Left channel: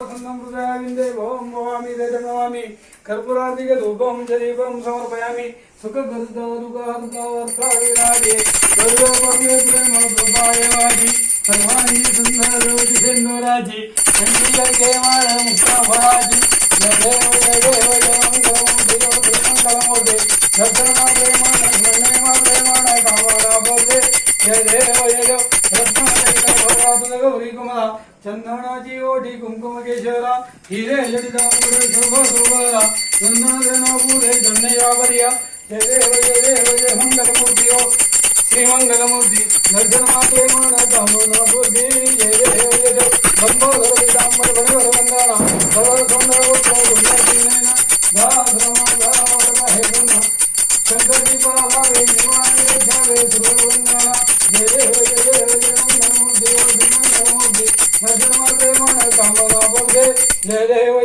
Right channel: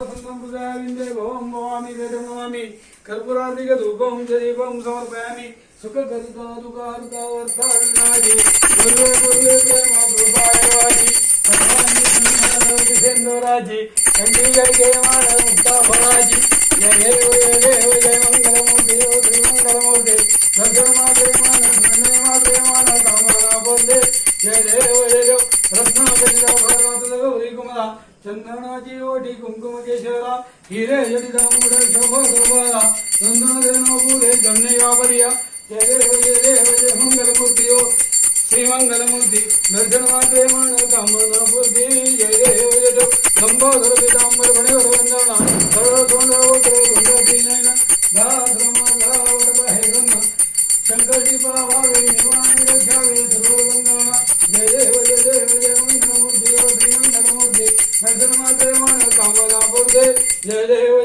हृदयाविंदे भवं भवामि तेजमवामि कर्पूरादिकधूपं च दीपं समर्पयामि सुखकर्तादुःखार्थाविनाशे सर्वे पर्वे प्रेमभृतायवाजि सर्वाणि सुन्दरदिशेन्दोराजि चण्डी जय जय माधव मुक्ताफराजि जय देव जय मंगलमूर्ति श्रीमंगलमूर्ति दर्शनमा प्रेमान कामना बोलते जय देव रत्नाचरिता भगवत गौरी कुमार चंदनाची ओठी कुंकुम केशवरा हिरे जडितांबुड शोभा शोभा चंदन पूरे धन्यवारिया जय देव जय मंगलमूर्ति श्री मंगलमूर्ति दर्शन मात्रे मान कामना बुद्धि जय देव लंबोदर पीतांबर गणवर वंदना सर्व सुंदर गोत्र सुंदर नैना हे ब्रह्म शंकर जी पावे निवाणी रक्षावे सर्व वंदना जय देव मंगलमूर्ति मंगलमूर्ति दर्शन मात्रे मान कामना बुद्धि जय देव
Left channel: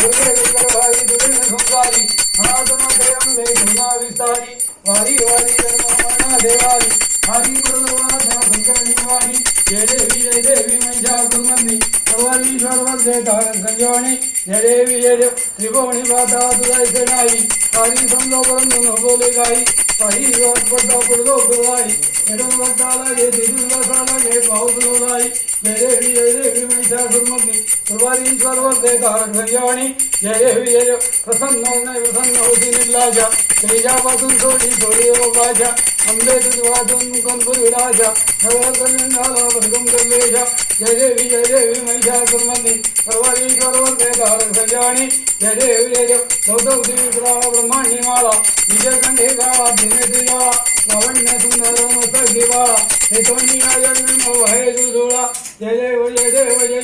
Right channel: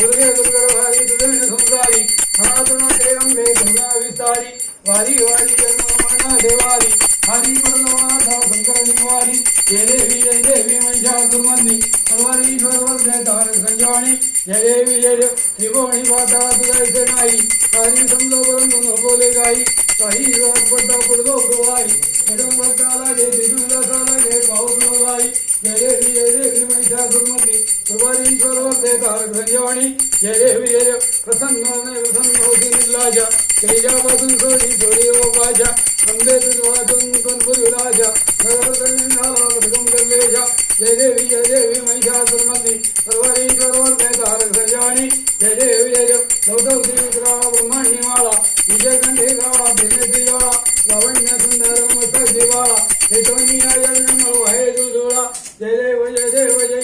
दुर्गे दुर्गा भाई दुर्गे संसारी अनाथना जयंगे धर्मा विस्तारी वारी वारी जन्मना देवारी हरि गुरुनाथा शंकर निवारी जय देवी महिषासुरमर्दिनी सर्वालीश्वर वर्गधार संजीवनी जय देवी त्रिभुवनी माता तुझा नाई हरि समजा परंतु न बोले गाई काही पडता पडतो पुरवाई वक्ताला घे दिवसाला घे पाऊस बोलाई जय देवी महिषासुरमर्दिनी सर्वालीश्वर वर्गधार संजीवनी जय देवी प्रसन्न प्रसन्न होती निर्लाजा तेजापासून सोडी सोडी ओ बाजा अंबेत वाचून कंपूर विराजा नगर कल्याणाला भरगम करलेजा जय देवी महिषासुरमर्दिनी सर्वारीश्वर वर्गधार संजीवनी जय देवी गौतम विग्रह ब्रह्मांडी माला विजय कंठे गावा भिन्नती गावा लावण्य सुंदर मस्तक दिवाळा हे तोंडी हे जुजोळा जय देव जय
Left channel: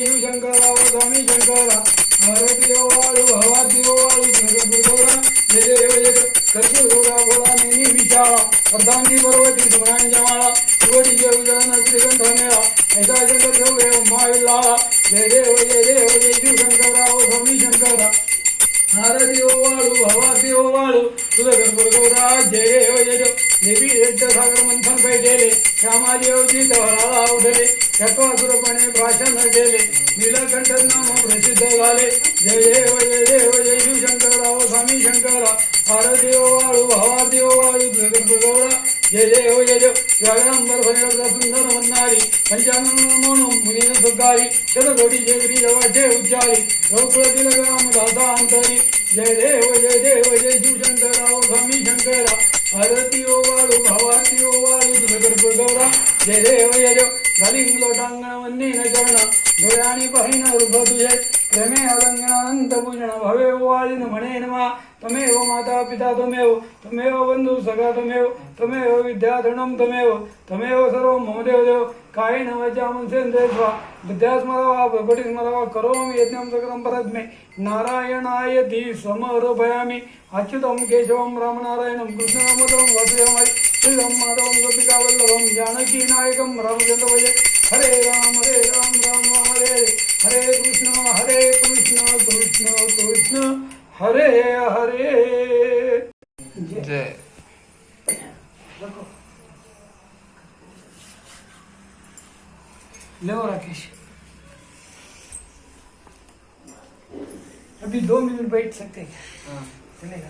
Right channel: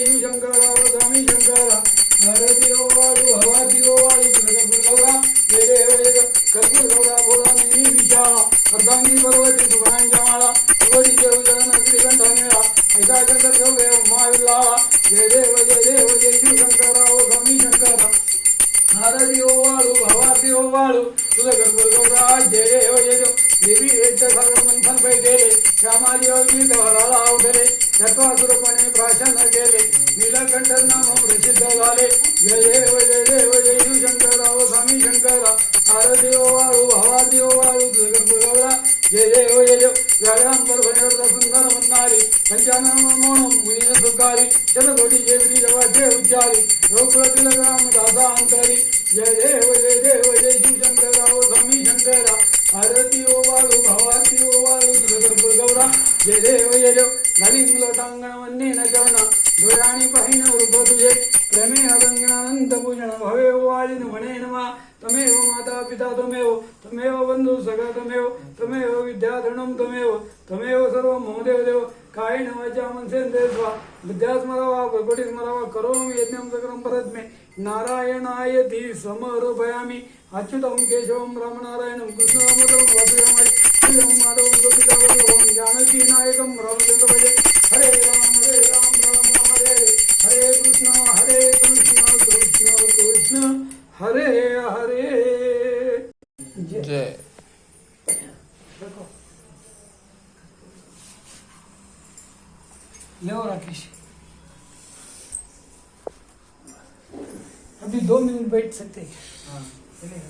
शिवशंकरा स्वामी शंकरा भारती ओवाळू हवाती ओवाळू दुर्गौरा जय देव कर्पूरगौरा भोला नेहमी विचारा अर्धांगी पर्वती सुगणांच्या माळा शिवडीचे उजान श्रीगंध मेळा ऐसा शंकर ठेवे उमाविल्लाळा जय देव जय शिवशंकरा ओ स्वामी शंकरा भारती ओवाळू हवाती ओवाळू तुझं कर्पूरगौरा जय देव देवी सागर मंथन पैठेले श्यामाजी अवधीत हळाला उठले चक्रासुरपणे भाषण केले नीलकंठन प्रसिद्ध झाले जय देव जय शिवशंकरा स्वामी शंकरा भारती ओवाळू हवाती ओवाळू गौरा जय देव व्याघ्रांबर भयरथ सुंदर म्हणणारी पंचानन म्हणून मुलीन सुकारी शतकोटी शेगरी देवाचे उच्चारी गोकुळातील राम दादा अंतरी जय देव जय शिवशंकरा स्वामी शंकरा भारती ओवाळू भावाती ओवाळू गौरा जय देव घालीन लोटांगण वन्नी न चरण डोळ्यानी पाहिन रूप तुझे प्रेमे अलंगणानंत पूजन भवे ओवाळीन म्हणे नमा तमेव माता पिता तमेव बंधू सखा तमेव विद्याधरणम तमेव सर्व मम देव कायेन वाचा मनसेन्द्रिय स्वा विद्यास्मरावा प्रकटिस्मरावा करोमि यज्ञं सकलं परस्मै नारायणायति समर्पयामि अच्युतं केशवं रामनारायणं कृष्णदामोदरं वासुदेवं श्रीराम माधवं गोपिकावल्लभं जानकीनायकं रामचन्द्रभजे हरे राम हरे हरे कृष्ण कृष्ण हरे हरे जय लो राकेश अभी 2 मिनट बैठ सकते हैं चलेगा।